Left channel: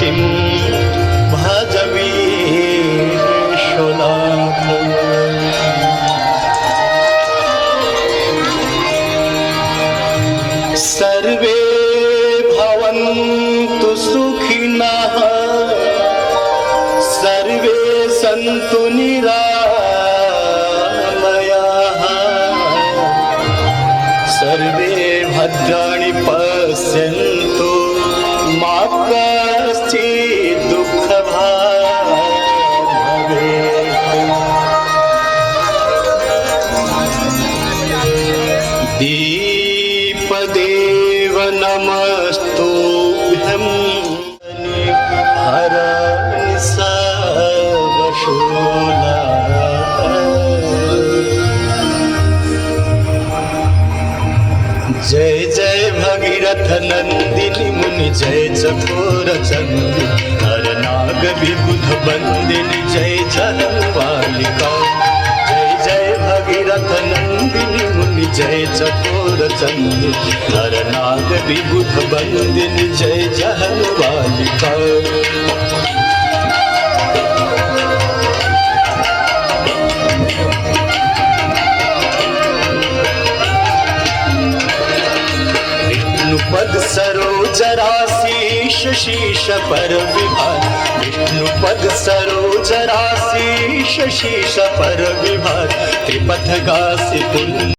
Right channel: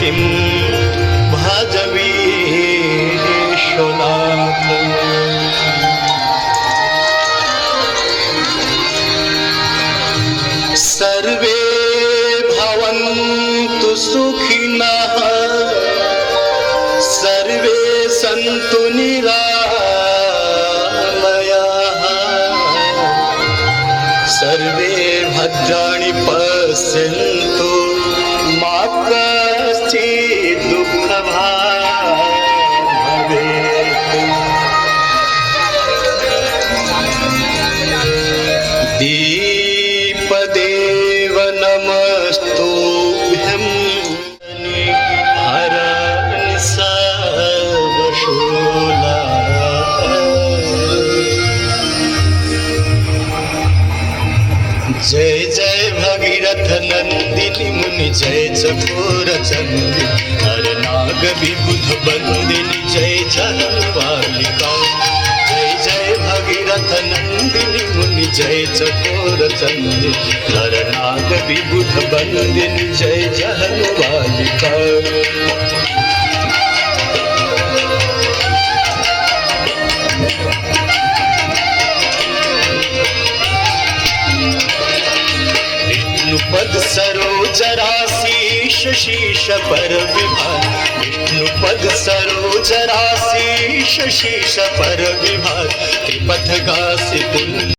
किं भाजवीशनाथ सर्वे भवन्तु सुखिनः सर्वे सन्तु निरामयाः सर्वे भद्राणि पश्यन्तु मा कश्चित् दुःखभाग् भवेत्। दीपदेव नमस्तुभ्यं हर सर्वशूला। जय जय भगीरथ नंदिनी मुनि जय चकोर चंदी हर नाग विबुध बंदिनी जय जनवालिका। जय जय भगीरथ नंदिनी मुनि जय चकोर चंदी हर नाग विबुध बंदिनी जय जनवालिका। विष्णुपद सरोज राशीष शीश पर विभाग विष्णुपद सरोज राशीष शीश पर विभाग त्रिपथ गासी पुण्य